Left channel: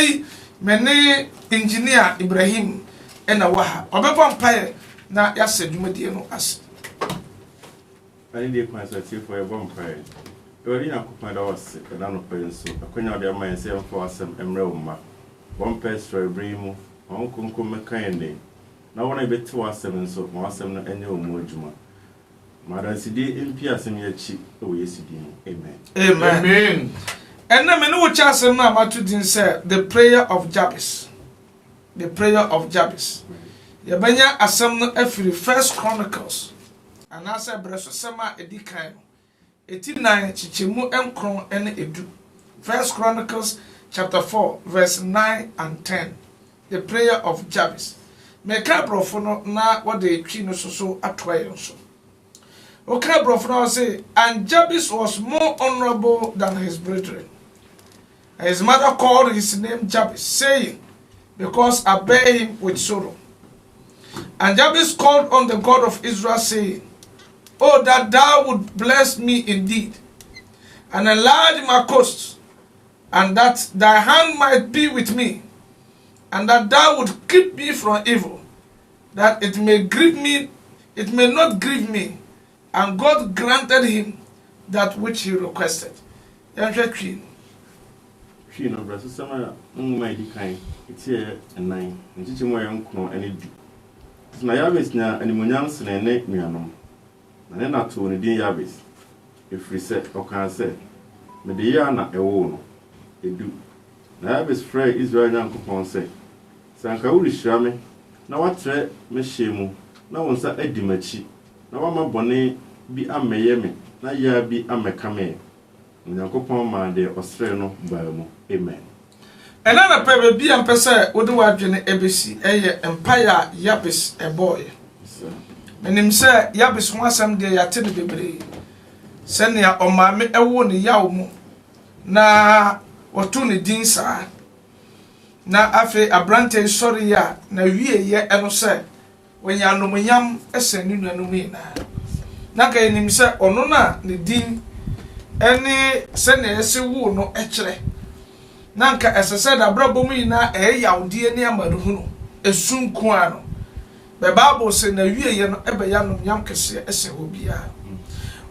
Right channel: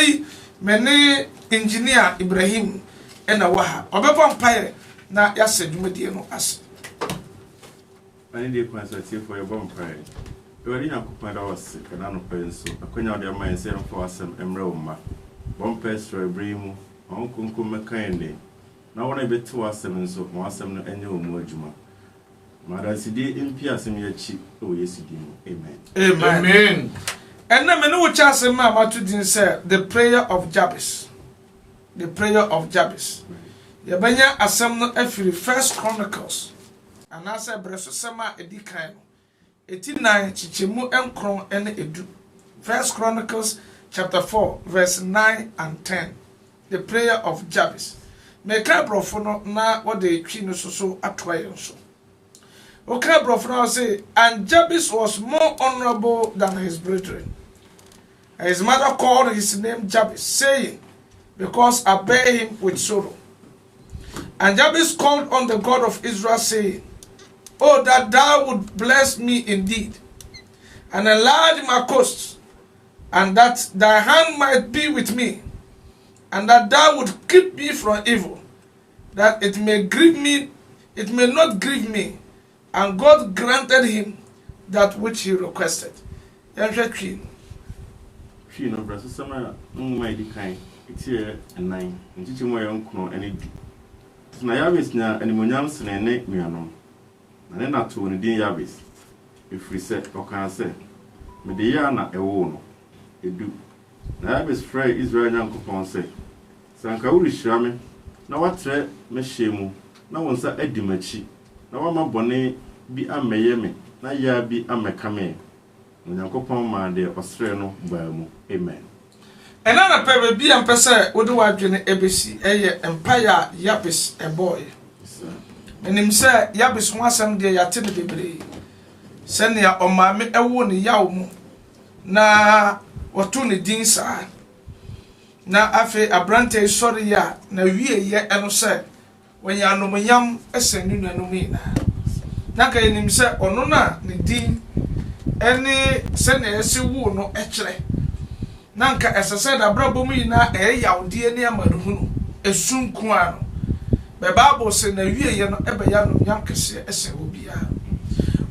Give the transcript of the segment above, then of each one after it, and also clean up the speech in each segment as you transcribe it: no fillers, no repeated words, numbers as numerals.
Anapai, mene engineer Ibrahim, and a waha. Obepa Empire, na yase Jumediano as. I need a consultation for a vampire. You already have to find out sick and I'm not paying so. I couldn't have my 7 for some emerald. One pestry brimo, one concum kind. Now, when I bet 2 or 7 so, 1 7 annual mojuma. Madam CD in Piassing your cheek, oh, yes, amen. Amen. And then, no chance, Mamma to say the prayer of Jabez. The prayer of Jabez. Yabanya Assembly every First Chronicles. And I said, Bressosema edikaino. 89 Chichimu enkron ene edu. First Chronicles chapter 4, verse 9 and 10. The prayer of Jabez. Meka brofono na what they chino so atwaye so. Okay, brofono say, and Jabez was more honorable than his brethren. And his mother called his name Jabez, saying, because I bear him with sorrow. And Jabez called on the God of Israel, saying, oh, that thou would bless me indeed, and enlarge my coasts, and that thy hand might be with me, and that thou would keep me from evil, that it may not grieve me. And God granted him that which he requested. Queen of Brazil, summer, my decline, it's here and 9, and teaching my uncle any. Na Jabez na animonyam sene ne nuanom na ne nato ne din Jabez efiri se okan se me de ya na ewo no edu na Jabez frɛ Israel nyankopɔn se sanka wuri hyira me na watre me hyemu na wonsa adi machi na wama bɔne bi amɛyɛ me na ya bi amɛka me nyankopɔn ma de ɔsrɛ no baa mu amen. Another paper be and pesa would do adwene ebesi eye empire Jabez a boy. Menim say Jabez ho asem de yate ne bebre. Senia o maame ewo ne yawo mu na woto ne din saa. Na afi abrante sori ya na wie ye eno say wanya nomonyam esenu nanum ina. Na ka enim say ono na ne din eni senia ese wu no ekere. Nanka esese da brabom yi na yawde ne amaruhunu esunku ano be bible say na wieye no ebeya no nyam kese ese obia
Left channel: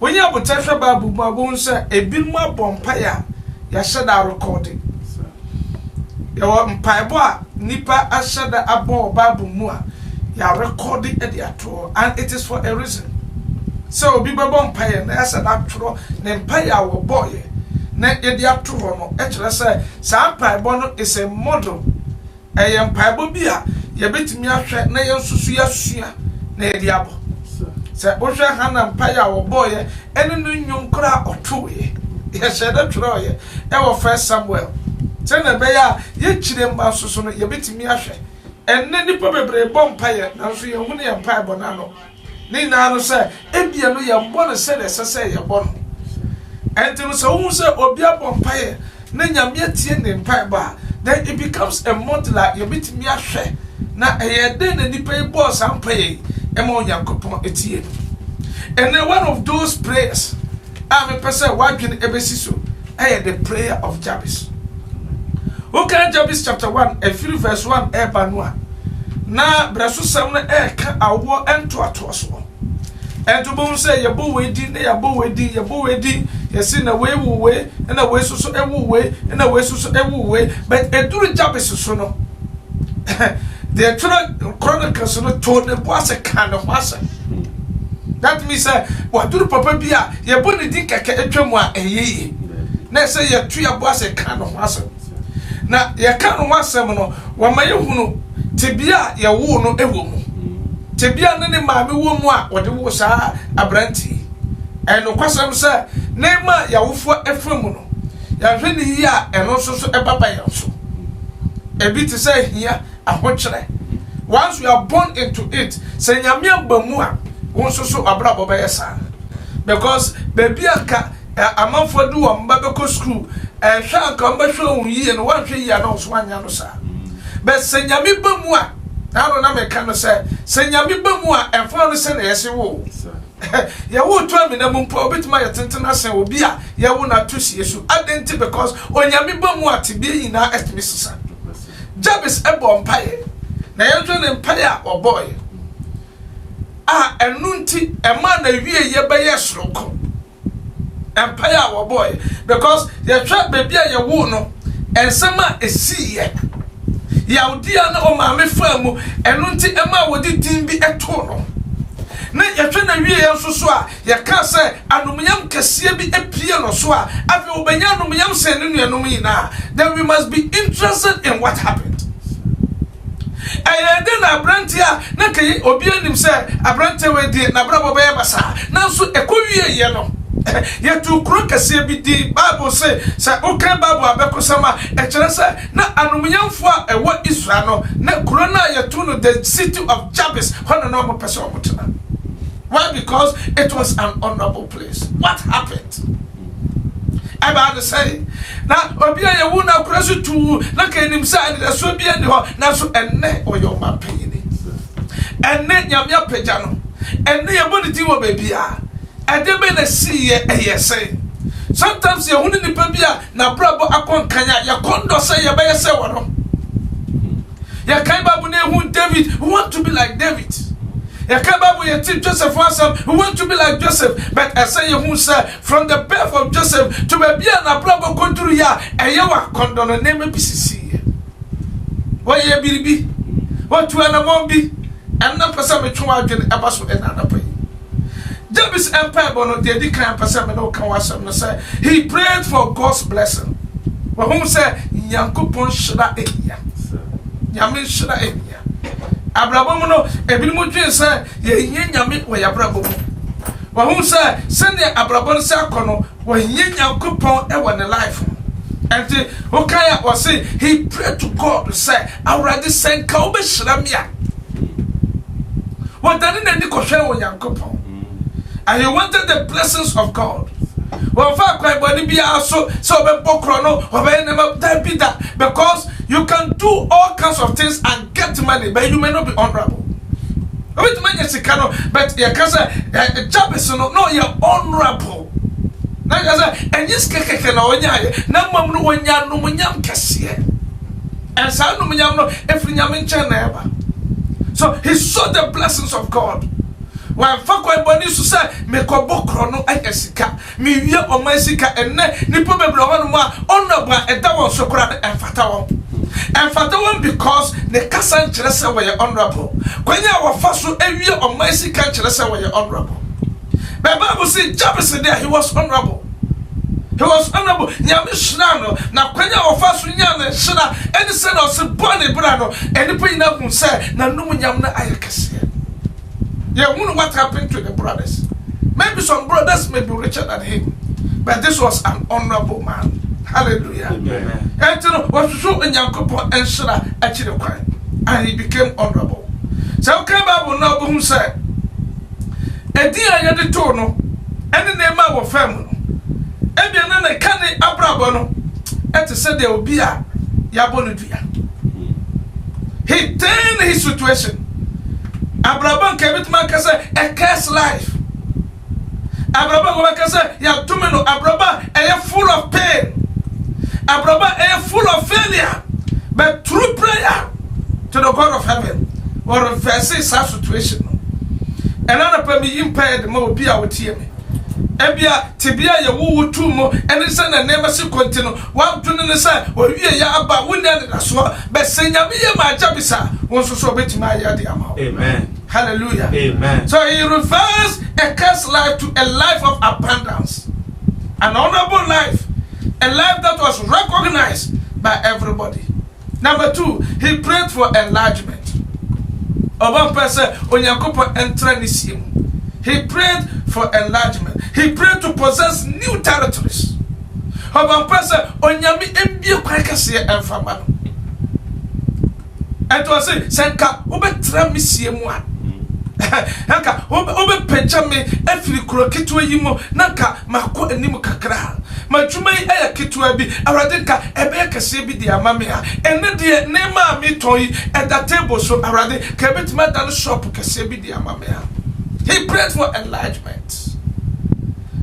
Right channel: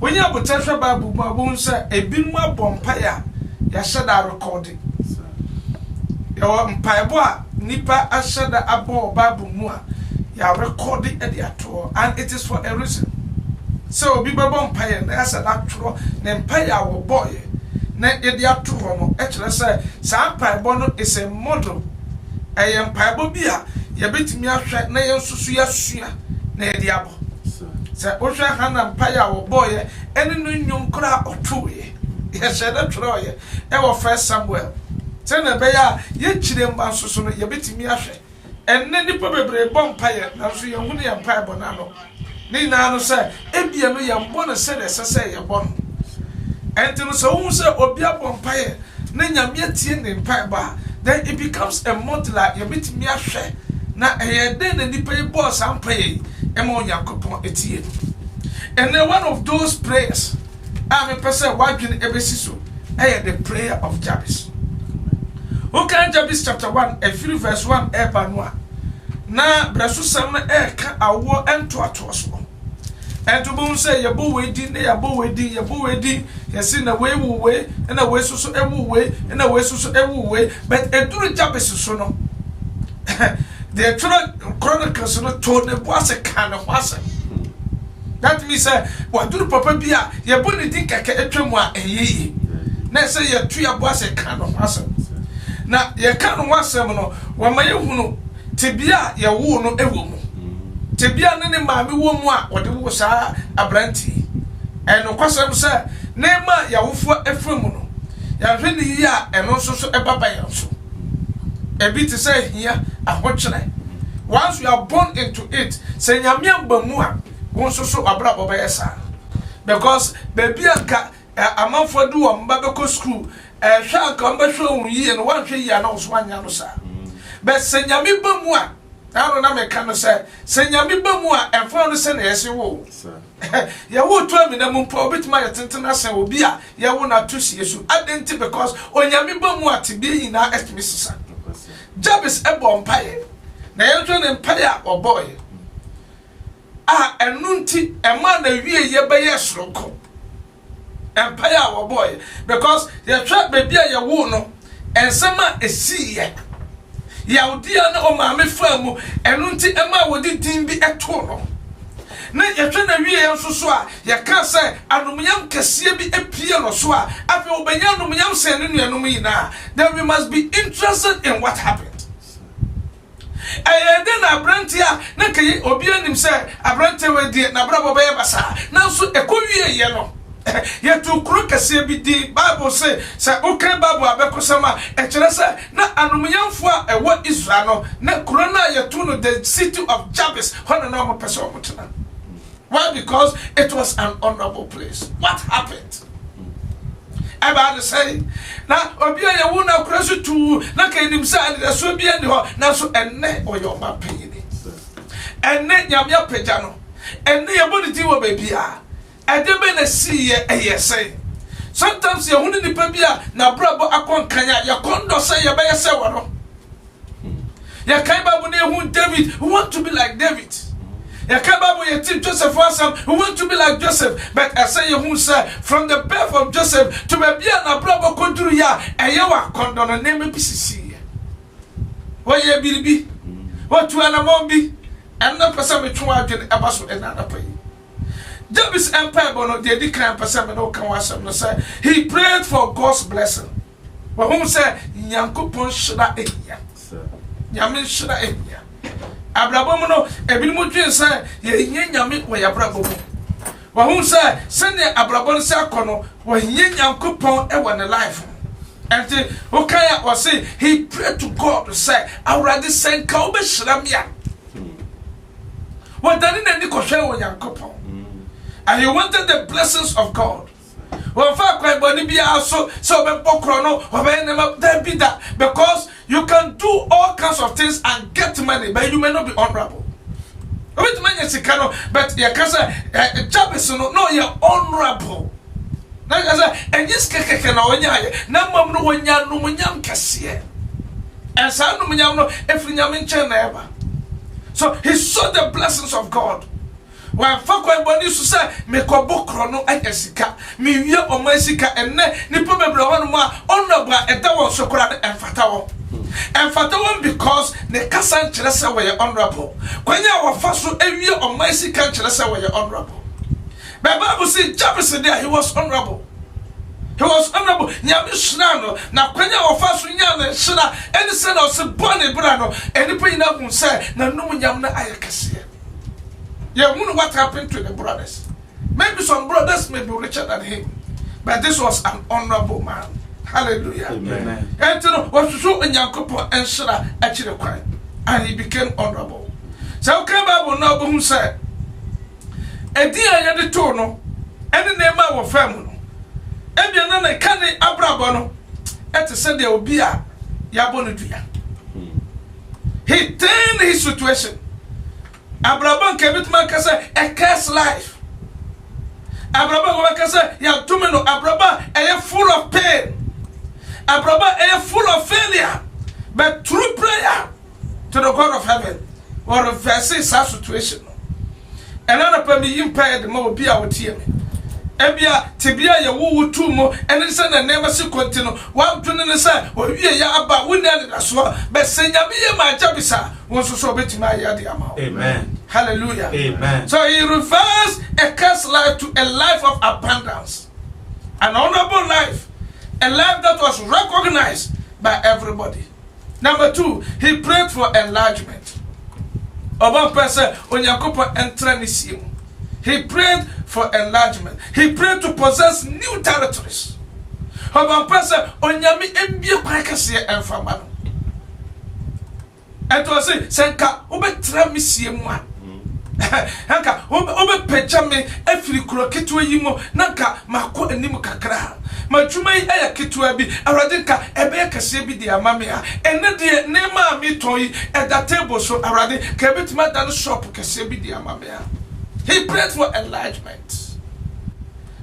onye abotahwe bible mu abon say ebinmu abompa ya shada recording yawo mpaibo a nipa ashada abo bible mu a ya recording e de ato, and it is for a reason. So obi bebo mpaye na shada atro ne mpaye wo boy na edia to no e kire say sa mpaibo no is a model e mpaibo bia ye betimi ahwe na ye nsusu ya sua na edia bo se o hwe ha na mpaye wo boy ene no nyum kra otoye ye sheda troye e wo First Samuel tena be ya ye kire mba nsusu no ye betimi ahwe enne nipa bebre bo mpaye na so ye hunu ye mpaibo na no ni na no say ebia no ye mbo no se ye bo no. And so who say Obia Bompaye, Nanyamia Tien in Paiba, then it becomes a model like you meet me a share. Now a then and the pay boss and pay Emonia coupon etienne. And then one of those prayers, I'm a person working every season. I had the prayer of Jabez. Okay, Jabez chapter 1, a few verse 1, Ebanwa. Now, Brasu Samna Eka, a war and to a tosswell. And to boom say your bow wedding, your bow wedding, you seen a way, and a way so every way, and a way so every way, but a do Jabez so no. The Chronicles told the was a kind of master. That means, what do Papa Bia, your bonny dick a tremor a ye. Let's say your tree was a kind of master. Now, your kind of master, one my own, Tibia, your wound, a woman. Tebia ne maame wo mu a wode wo saa abranti eno kwasem se nema ya wofo efremu no ya hwe ne yi a eno so ebaba ya so ebi te say hia ahokyere. Once you are born into it, say nyame amba mu a won so abrabo ba yesa, because baby anka amanfo du wo mba be ko school hwe anka mba hwe won yi no wan hwe yi na so anya no sa, but say nyame ba mu a now na me kan say nyame ba mu a emfa no se na yesi wo ya wo to ami na mu mpo obitima ya tentena se obi a ya wo na to hie so identity, because onyame ba mu a tibie yi na etimi sisa Jabez ebo mpaye na yenhwe ne mpaye a oboy enunti ema na wie ye beye soroko mpaye a oboy because ye twa baby a ye wo no ensema esiye Yaudia na o maame famu enunti ema wodi din bi eto no na yetwe na wie yenso so a ye ka se anomyam kase bi epie no so a afi obenya anomyam se ne nuanom yina then we must be interested in what happened. Ayede na abrantia na kai obi anim se abrantia we di na brabo be basa nanso ekowie ye no yetu kuro kase bi di Bible say okay Bible abekosama ekere se na anomyamfo a ewo Israel no na kuro na yetu no the city of Jabez hono no mo pese omotena. Why? Because it was an honorable place. What happened? About to say now obia ye wu na kuro so tu na kanim sa and the so bia ni ho na so enne oyo mapeni enne nyame apagya no enne ye boditi wo babia edebe na siye eyese sometimes ye hunu ni pabia na brabo akonkanya ya kondo say ye be say wo no ya kai babu na hu David who want to be like David. Ya kai babu ye ti Joseph wasam who want to be like Joseph, but I say you say from the birth of Joseph to babia na brabo konturu ya eye wa kondo no name bisisi wo ye biribi wo tu anamombi enna pesa me twa adwene abaso enana pai. Jabez empire bono de di kan pesa me no kan wasam no say he prayed for God's blessing. Wo hom say Nyankopon shira eya nyame shira eya abrabom no ebinim dwen say ye nyame wo yabrabom wo hom say sene abrabom say akono wo Nyankopon e wo ne life and okay o say he prayed to God say already send ka obe shira me a what dani na ndi ko hwe wo Nyankopon and he wanted the blessings of God. Well, fact, body be also so that because you can do all kinds of things and get money, but you may not be honorable. But you can say, Jabez, no, you're honorable. And this keke na onyaye na mamnu wonya no munyam kese and sa no munyam no efri nyam nche na eba. So he saw the blessings of God. When fakwa body so say me ko bokro no ayesika me wie omasika enne nipo bebre wonu ma onobra eda won sokora enfata won because the kasan kire say we honorable kwanya wo faso ewie omasika kire say we honorable. The Bible say Jabez there he was honorable. He was honorable. Nyame shira no na kwanya wo faso nya na shira eni se na se bone bra no eni po ina hu say na num nyam na ayekese. Yeah, wonder what happened to the brothers. Maybe some brothers may be richer than him, but this was an honorable man. Hallelujah. Amen. And you know, was so in Yankopon and Shara actually quiet, and he became honorable. So, okay, Bible now who said, a dear yet tono, and the name of family, and the nana canny abrabono, and to say there will be a Yabonudia. He turned his situation. Abraham kebit man kase a curse life. Abraham kase ya tumeno Abraham full of pain. Abraham full of failure. But through prayer to the God of heaven will reverse his situation. Another permi impaired mo be our team. Ebia tibia ya wu tu mo ene se na nema se continue wa tunu ne se o wie ya aba wona na so be se nyame ye ma Jabez won so betima ya de ama. Amen. Hallelujah. Amen. So he reversed a cursed life to a life of abundance, an honorable life, a life that was recognized by everybody. Number 2, he prayed for enlargement. One person onyankopon entra nisimu. He prayed for enlargement. He prayed to possess new territories. One person onyami embie kwakase emfama. And to say senka obetra misiemu a nanka obe peja me afiri kuro ketwa yimo nanka mako anim kakra madwuma yi aya ketwa bi awrade nka ebe kase bi di amame a ene de ne ma mi toyi at the table so awrade ka betima dan shop kase bi di amame a. He prayed for enlargement.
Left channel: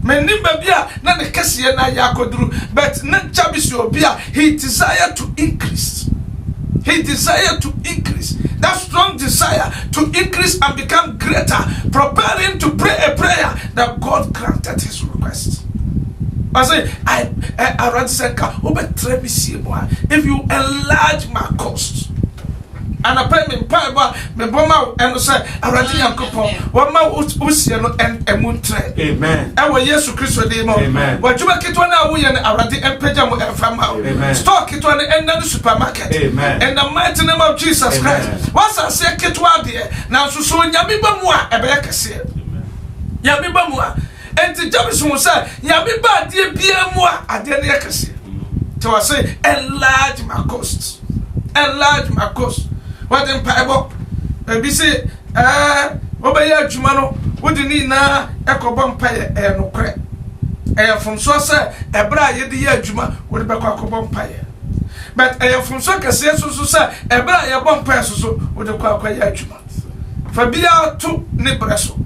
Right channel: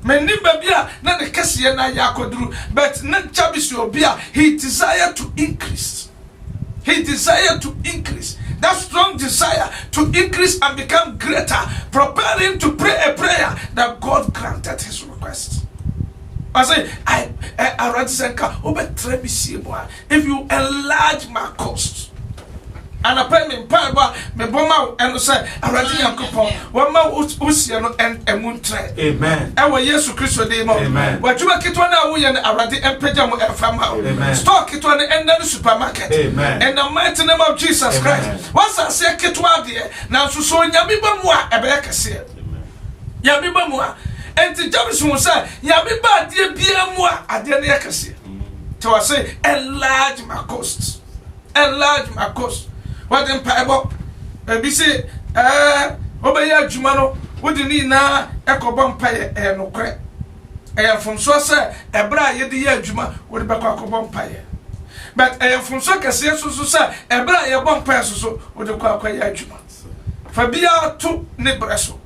Menimba bia na ne kase na ya koduru but na Jabez obia he desired to increase. He He desired to increase. That strong desire to increase and become greater propelled him to pray a prayer that God granted his request. I say, I rather say, if you enlarge my cost. And I pray me Bible, me bomb and say, I rather young couple, one more Usiano and a moon trade. Amen. I will yes to Christo demo. Amen. What you make it one hour and I rather and pajama and farm. Stock it one and then the supermarket. Amen. And the mighty name of Jesus Christ. Once I say Kitwa dear, now so Yamiba Mua, a better say. Yamiba Mua. And the Jabez will say, Yamiba dear Bia Mua, I didn't hear. So I say, enlarge my costs. Enlarge my costs. What in Bible? Maybe say, Obaya Jumano, what you need now, Echo Bumpire, and no crack. I am from Sosa, a bra yedia Juma, with a Bacco Bumpire. But I am from Soka, says so, a bra ya bumpire, so with a Quaquaya Juma. Fabia to Nebraso.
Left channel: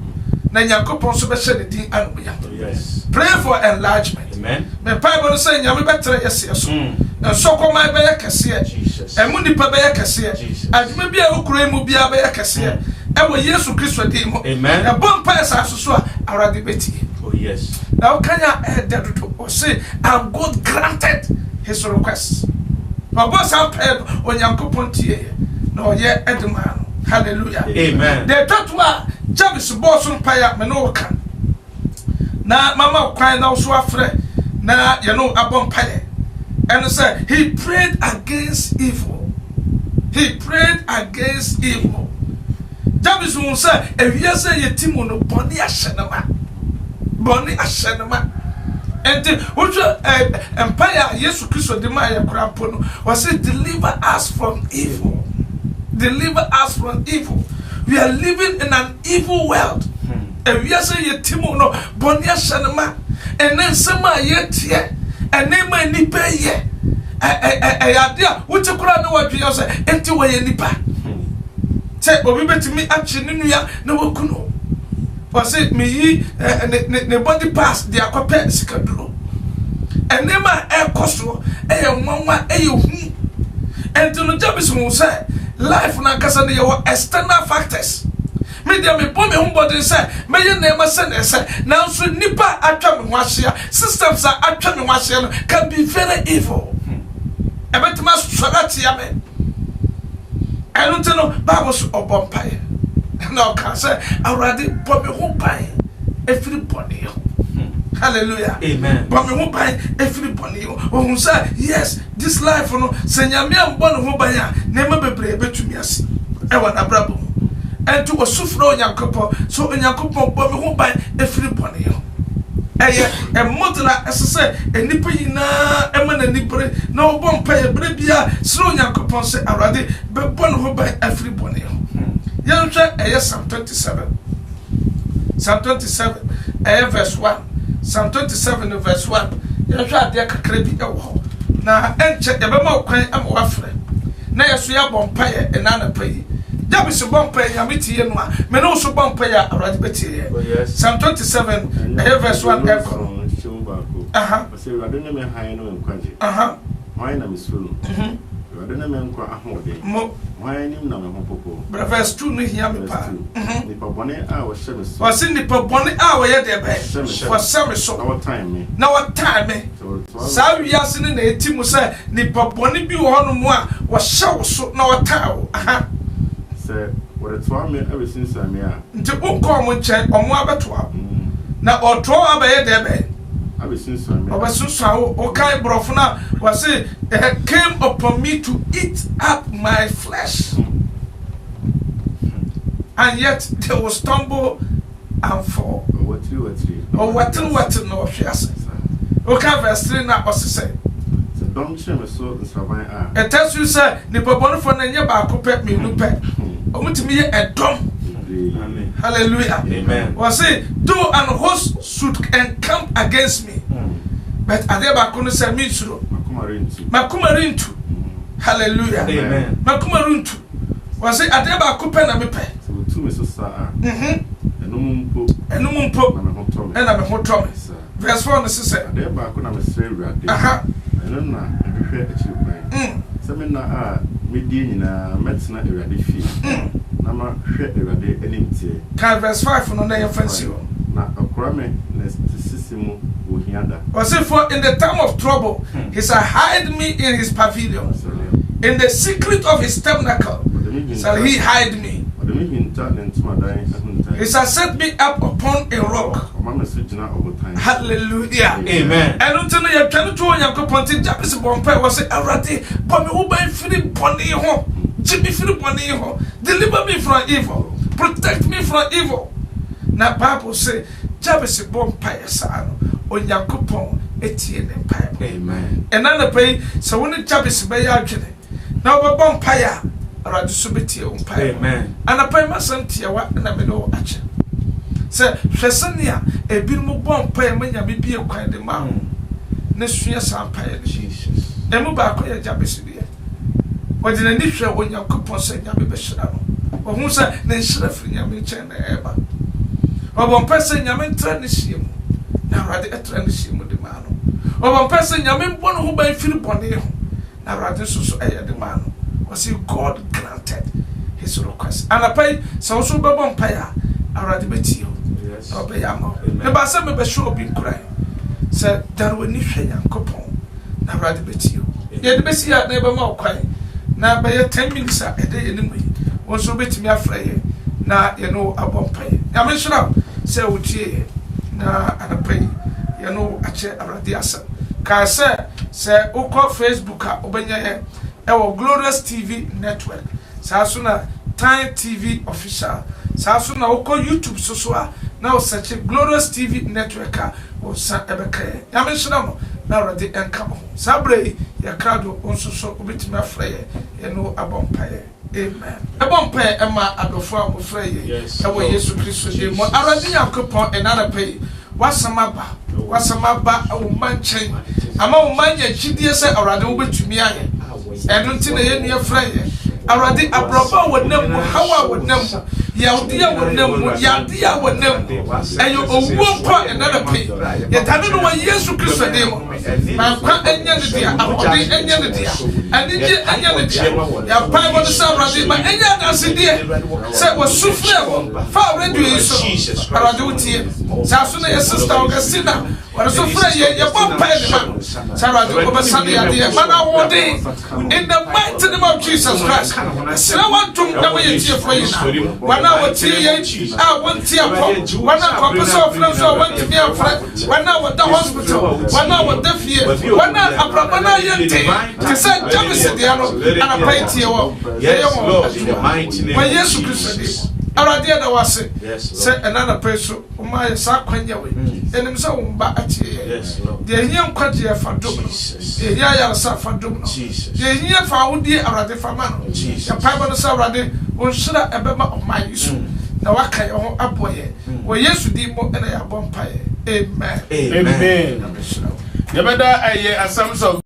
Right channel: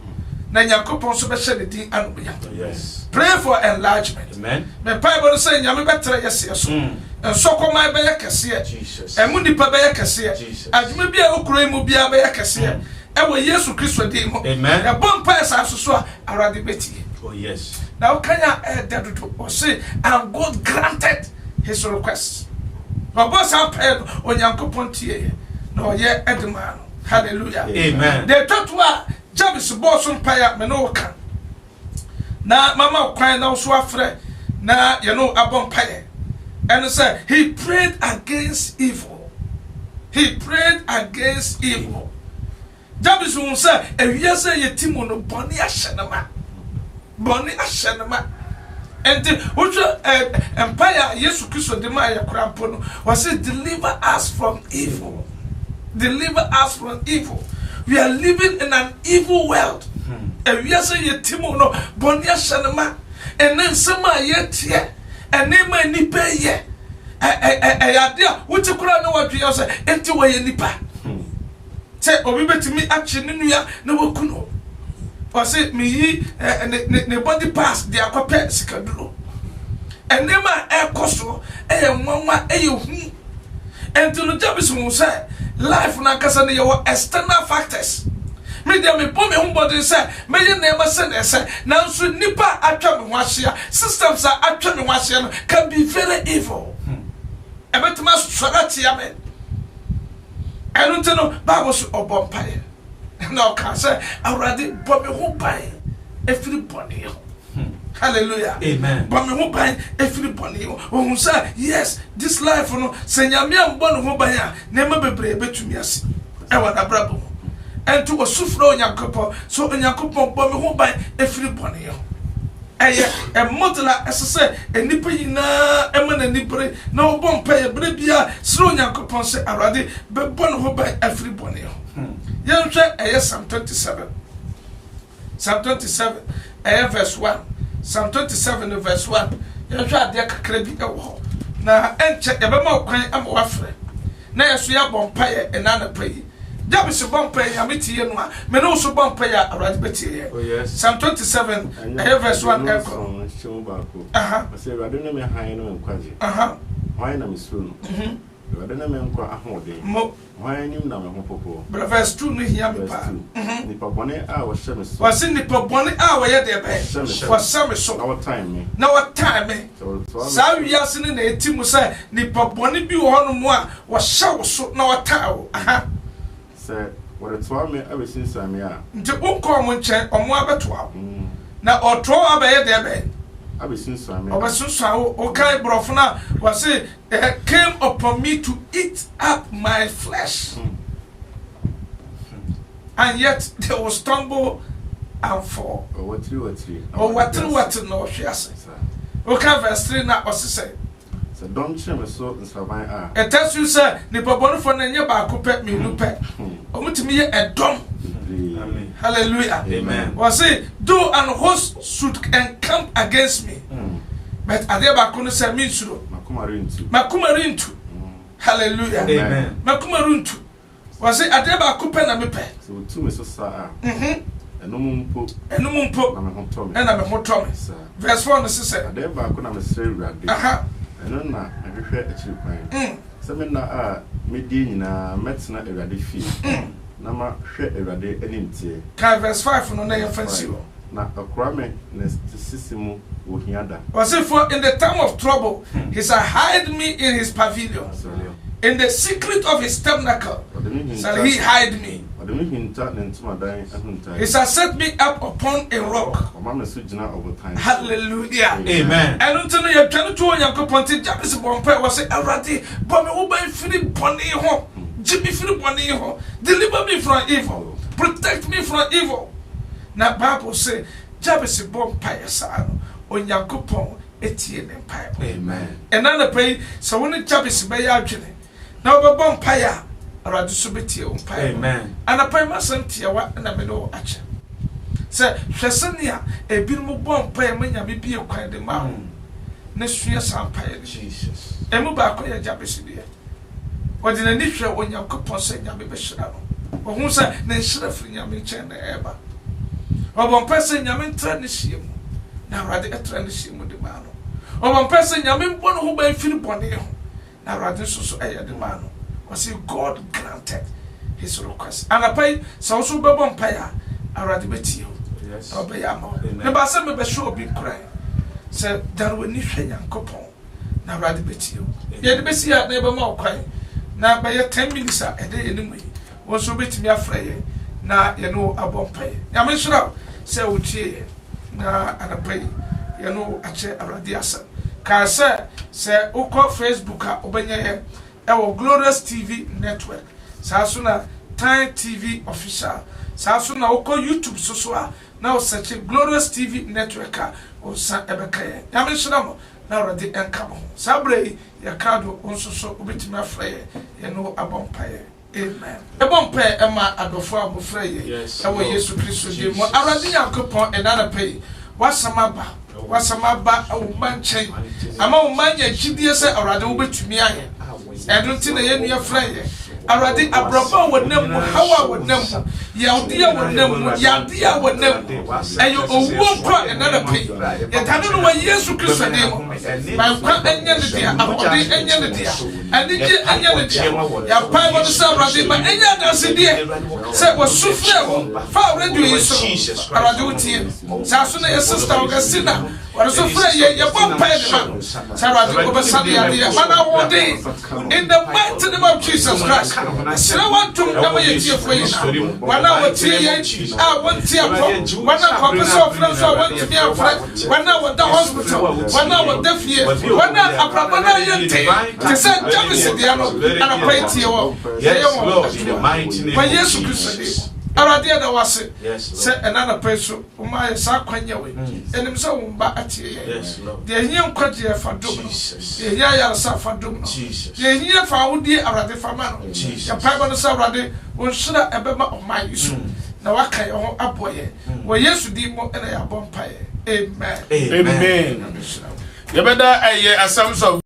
Nanya coupon speciality and we yes. Pray for enlargement. Amen. My Bible saying, I'm better, yes, yes. And so call my back, Jesus. And Mundi Pabaya Cassia. As maybe a Ukraine will be a Bayacassia. And we yes to Christ demo. Amen. A bumpires are so already betty. Oh, yes. Now, can I add that to say, and God granted his request. No boss, I'm paid on your coupon tier. No, yet at the man. Hallelujah. Amen. The third one, Jabez boss on fire, Menoka. Now, Mama crying out so afraid. Now, you know, a bumpire. And said, he prayed against evil. He prayed against evil. Jabez will say, if you say a Timono, Bonnie Ashanama. Bonnie Ashanama. And which empire, yes, Christo de Maya Crampono, was it deliver us from evil. Deliver us from evil. We are living in an evil world. And we are saying, Timono, Bonnie Ashanama. And then some are yet here. And then my nipa ye. Idea, what you could know what you say, empty way nipa. Say, or we bet me actually, no kuno. Or say, me, the body pass, they are compared to Sikadro. And then my air costo, mama, you. And to the Jabez will say, life na kasani your external factors. Media me bomb your body say, may you never send and say, now so nipa atwam hwashia, systems are atwam hwashia can be very evil. About my struggle, amen. I don't know, Bibles or bumpire. Now, can say, already bomb your whole pie, everybody. Hallelujah. Amen. Bomb your whole pie, everybody. Who say, yes, this life, no, Senyamia, one who by never be able to me. I want a bravo. And to a sufro in your couple, so in your couple, bomb your whole pie, everybody. A modeler, as I say, a nipina, eminent nipper, no one pay a bribia, slow young coupon say already, but one who by everybody. Young check, Psalm 27. Psalm 27, verse 1. Psalm 27, verse 1. Young try their crazy. Now, and check the memo, I'm waffling. Now, so you're bumpire and none pay. Jabez bumpire, I'm meeting you, men also bumpire already better. Psalm 27, verse 1. I say, I don't know how I know and quantity. Why am I soon? I don't know a whole day. Why am I not? But verse 2, hear me. Nipper bonnet hour, Shemis was in Nipper bonnet hour yet there for some so our time. Now, what time? So, we are sitting in a team who say, Nipper bonnet be one more was so now a tower. What it's for me ever since I'm here. The uncommon check on one better. Now, or throw up a debate. I was since I'm here. I was so okay, Brofna was it came upon me to eat up my flesh. And yet they will stumble and fall. What no, yes. Okay, verse 3 now was to say. Don't shame so the survivor. It tells you, sir, the Babon for the year back, me, no pet. Only to me a drum. Hallelujah. Amen. Was it, do and host should encamp against me. But I never couldn't say me through. Makumarintu. Hallelujah. Amen. Makumarintu. Was it, I never could pen a mepe. So, 2 is so and no mumpo, and no mumpo, and I'm a hot Thomas. Verse 1 is said, I never could have a say, I don't know, I prefer a cheap man. seminar medie na metna Ewurade fie na ma hwɛ Ewurade enimtie verse 5 no na yɛ fancy wo na akora me na sisimu ohiada for in the time of trouble he shall hide me in his pavilion in the secret of his tabernacle shall he hide me. He shall set me up upon a rock. Hallelujah. Amen. I don't know you trying to Yankopon Jabez Bompire was say Arati, but me uba free bonny home. Jimmy free bonny home. Deliver me from evil. Protect me from evil. Now Bible say Jabez Bompire son on Yankopon Etienne Empire. Amen. And then I pray so when Jabez be yagene. Now be Bompire. Aradi subiti umpire. Amen. And a prime santia wa na me do ache. Say hwesenia e bi mu bom pae manya bi bie kwan de ma ho. Ne sua sampae Jesus. Emu ba ko ya Jabez bie. Wodi na ni hwe Onyankopon se nya be hira no. Wo hu se ne hira firi nya me chen na eba. Obon pese nya me ntra ne hiem. Na Aradi etra ne hiem de ma no. Obon pese nya me mbon ho ba firi bone ho. Na Aradi so eye de ma no. Was God granted his request. And I pay so bebon paya already betio. Yes. Obey amo. Never say me be show be cry. Say that we need Yankopon na already betio. Ye de besi ya na be ma kwai. Na be 10 minutes a day anyway. Wonso betimi afraye na ye no abon pay. Ya me sura say utie na anapai ye no ache already asa. Ka say ukọ Facebook a obenya Ewo Glorious TV Network. Sasuna Time TV Official. Sasuna oko YouTube so a na o search Glorious TV Network o sa ebekaye. Ya mention mo na already enkamo. Sabre ya krado onso so obetimi afraye ye no abompaye. Amen. Abompaye ema adofo abofraye. Ewo Yesu Kristo de mo already Yankopon enana pay. Wasamaba o manchen. Ama o manya chidie se already obetumi aye. I don't think they are afraid. Already a brother would know how I would know. Yadia would know, Yadia would know. And you won't put another pay. Yet I don't know what years to Christ name. My quack and Yanadia, Abodi and Yanadia. And the Yanadia. Your pipe on the Saturday, but any other city said was so far. Far ready is Paraduti. Sasuna, Sister Augustina. What is so afraid you're one pay man. Sarah over Sunday, in the mighty name of Jesus Christ. I want to know what you're afraid. When I was here, I want to hear when I come to friends, I want to be a friend. When I was the hospital, when I was deaf here, when I have to say, Jabez, and I pray to you. Yes, but yes, Christian. Aradia da wase say another person o ma sa kwanya we enim so umba atie de hia kwaje fa dom no de hia ya sa fa dom no de hia fa wodi arade fa ma no ya pa no sa arade on shira ebema o ma yisu na waka ye ho aboye wo Yesu di mo na ya bompaye amen amen. Yabeda Assemblies of